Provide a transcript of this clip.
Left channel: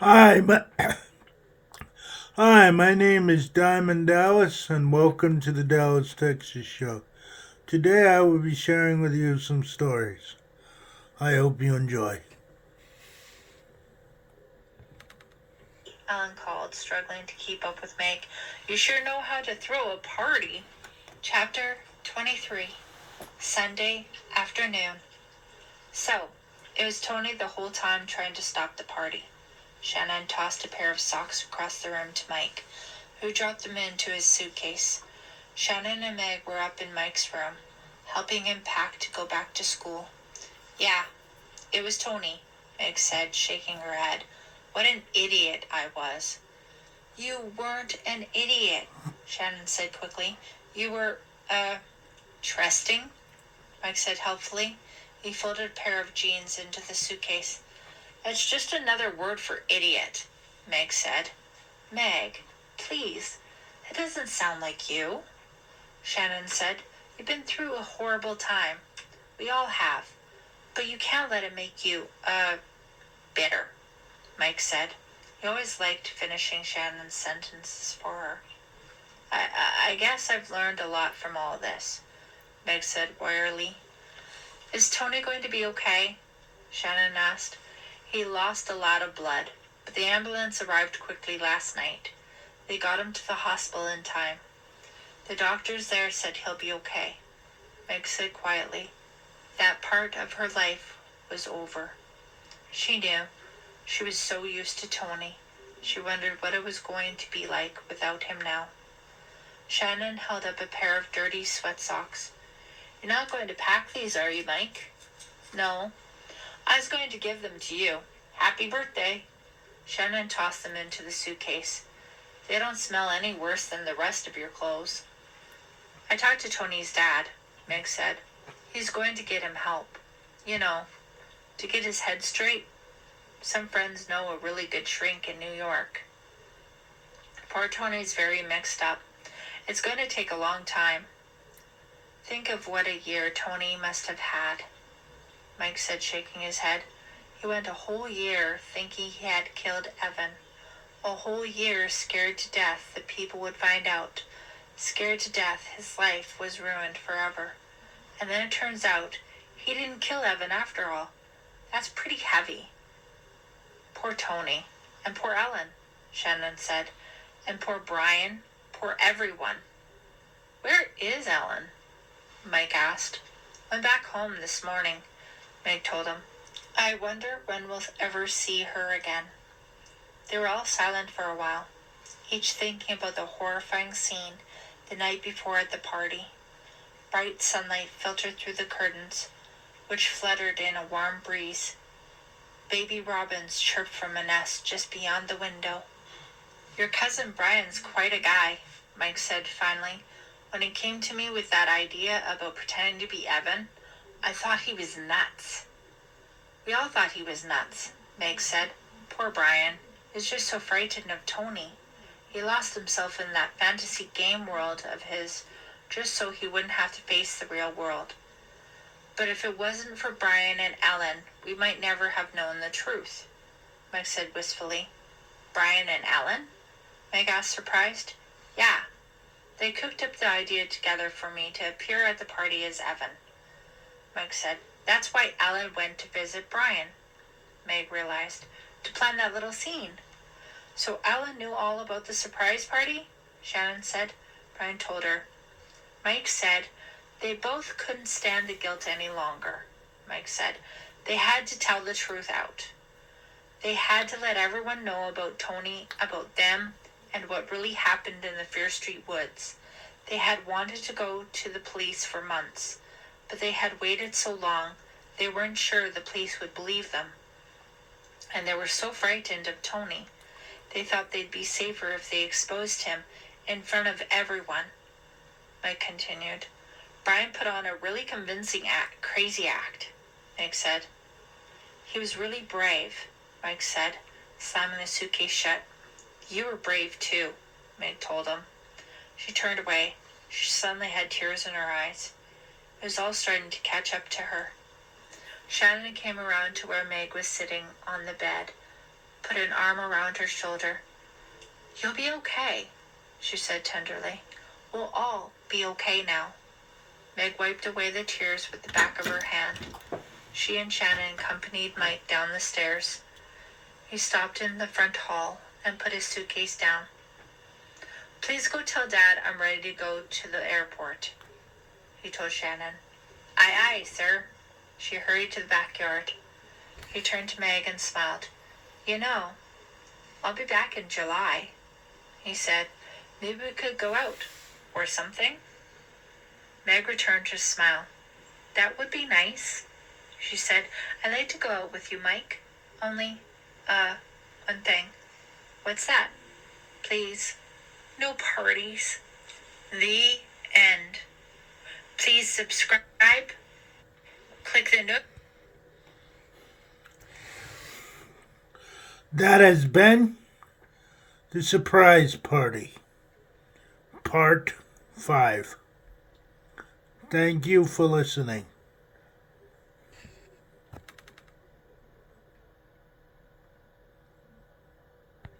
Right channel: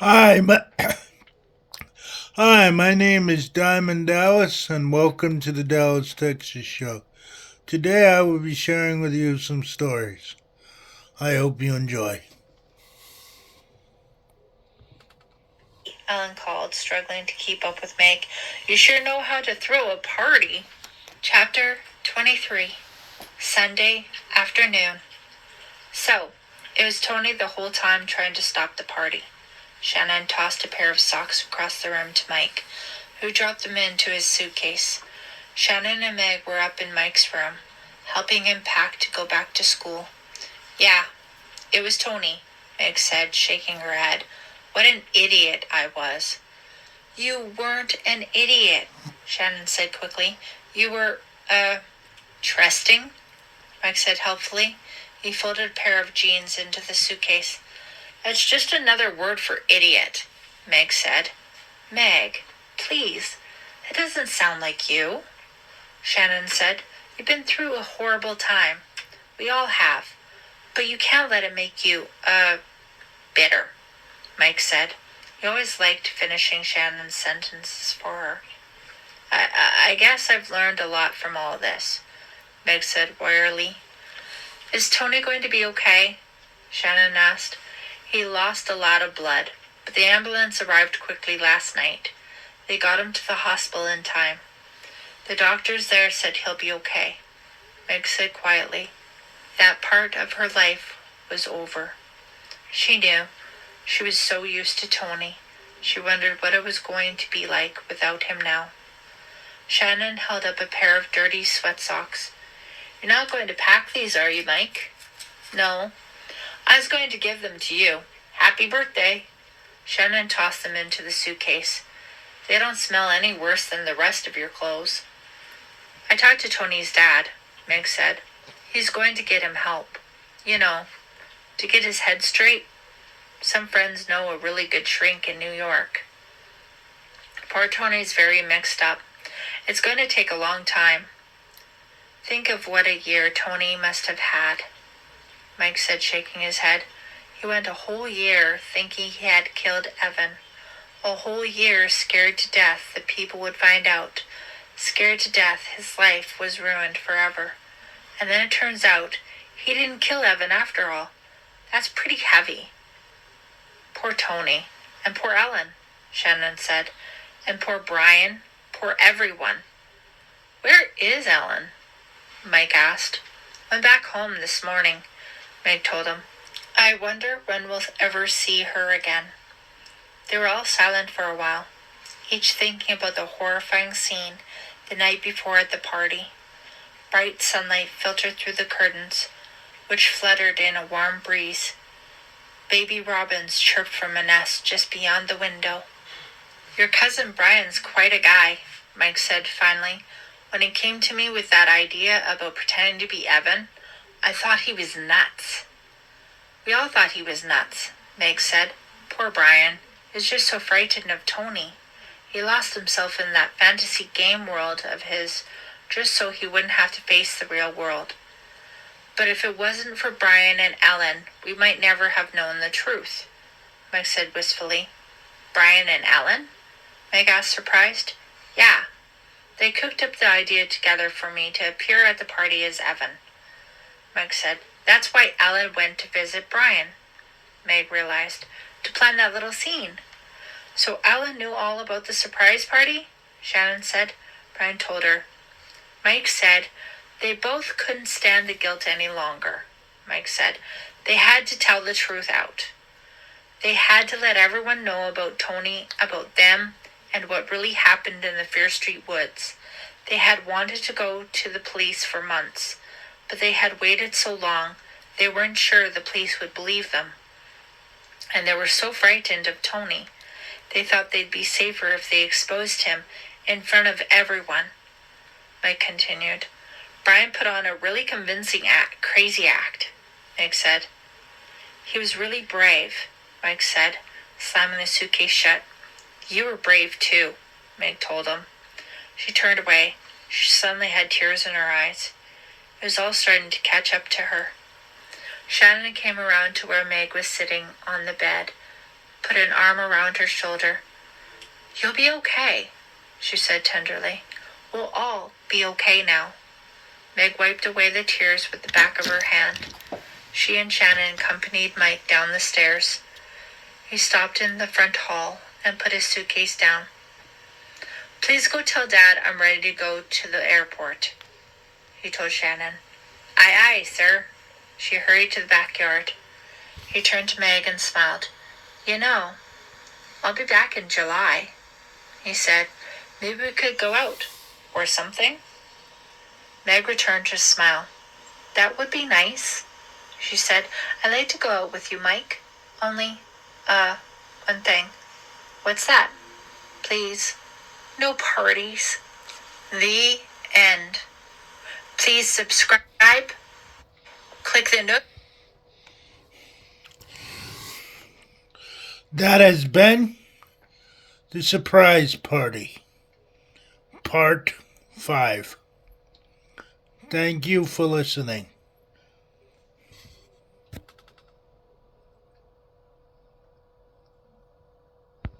Hi, my, Hi, my name is Diamond Dallas, and welcome to the Dallas, Texas show. Today I will be sharing with you some stories. I hope you enjoy. Ellen called, struggling to keep up with Meg. You sure know how to throw a party. Chapter 23, Sunday afternoon. So, it was Tony the whole time trying to stop the party. Shannon tossed a pair of socks across the room to Mike, who dropped them into his suitcase. Shannon and Meg were up in Mike's room, helping him pack to go back to school. Yeah, it was Tony, Meg said, shaking her head. What an idiot I was. You weren't an idiot, Shannon said quickly. You were, trusting, Mike said helpfully. He folded a pair of jeans into the suitcase. That's just another word for idiot, Meg said. Meg, please, that doesn't sound like you, Shannon said. You've been through a horrible time. We all have. But you can't let it make you, bitter, Mike said. He always liked finishing Shannon's sentences for her. I guess I've learned a lot from all this, Meg said wearily. Is Tony going to be okay? Shannon asked. He lost a lot of blood, but the ambulance arrived quickly last night. They got him to the hospital in time. The doctors there said he'll be okay, Meg said quietly. That part of her life was over. She knew. She was so used to Tony. She wondered what it was going to be like without him now. Shannon held up a pair of dirty sweat socks. You're not going to pack these, are you, Mike? No. I was going to give them to you. Happy birthday. Shannon tossed them into the suitcase. They don't smell any worse than the rest of your clothes. I talked to Tony's dad, Meg said. He's going to get him help. You know, to get his head straight. Some friends know a really good shrink in New York. Poor Tony's very mixed up. It's going to take a long time. Think of what a year Tony must have had, Mike said, shaking his head. He went a whole year thinking he had killed Evan. A whole year scared to death that people would find out. Scared to death his life was ruined forever. And then it turns out he didn't kill Evan after all. That's pretty heavy. Poor Tony. And poor Ellen, Shannon said. And poor Brian. Poor everyone. Where is Ellen? Mike asked. Went back home this morning, Meg told him. I wonder when we'll ever see her again. They were all silent for a while, each thinking about the horrifying scene the night before at the party. Bright sunlight filtered through the curtains, which fluttered in a warm breeze. Baby robins chirped from a nest just beyond the window. Your cousin Brian's quite a guy, Mike said finally. When he came to me with that idea about pretending to be Evan, I thought he was nuts. We all thought he was nuts, Meg said. Poor Brian. He was just so frightened of Tony. He lost himself in that fantasy game world of his just so he wouldn't have to face the real world. But if it wasn't for Brian and Ellen, we might never have known the truth, Meg said wistfully. Brian and Ellen? Meg asked, surprised. Yeah. They cooked up the idea together for me to appear at the party as Evan, Meg said. That's why Ellen went to visit Brian, Meg realized, to plan that little scene. So Ellen knew all about the surprise party? Shannon said. Brian told her. Mike said they both couldn't stand the guilt any longer, Mike said. They had to tell the truth out. They had to let everyone know about Tony, about them, and what really happened in the Fear Street woods. They had wanted to go to the police for months, but they had waited so long they weren't sure the police would believe them. And they were so frightened of Tony, they thought they'd be safer if they exposed him in front of everyone, Mike continued. Brian put on a really convincing crazy act, Mike said. He was really brave, Mike said, slamming the suitcase shut. You were brave too, Meg told him. She turned away. She suddenly had tears in her eyes. It was all starting to catch up to her. Shannon came around to where Meg was sitting on the bed. put an arm around her shoulder. "You'll be okay," she said tenderly. "We'll all be okay now." Meg wiped away the tears with the back of her hand. She and Shannon accompanied Mike down the stairs. He stopped in the front hall and put his suitcase down. "Please go tell Dad I'm ready to go to the airport," he told Shannon. "Aye, aye, sir." She hurried to the backyard. He turned to Meg and smiled. "You know, I'll be back in July," he said. "Maybe we could go out, or something." Meg returned his smile. "That would be nice," she said. "I'd like to go out with you, Mike. Only, one thing." "What's that?" "Please, no parties." The end. Please subscribe. Click the note. That has been The Surprise Party, Part 5. Thank you for listening.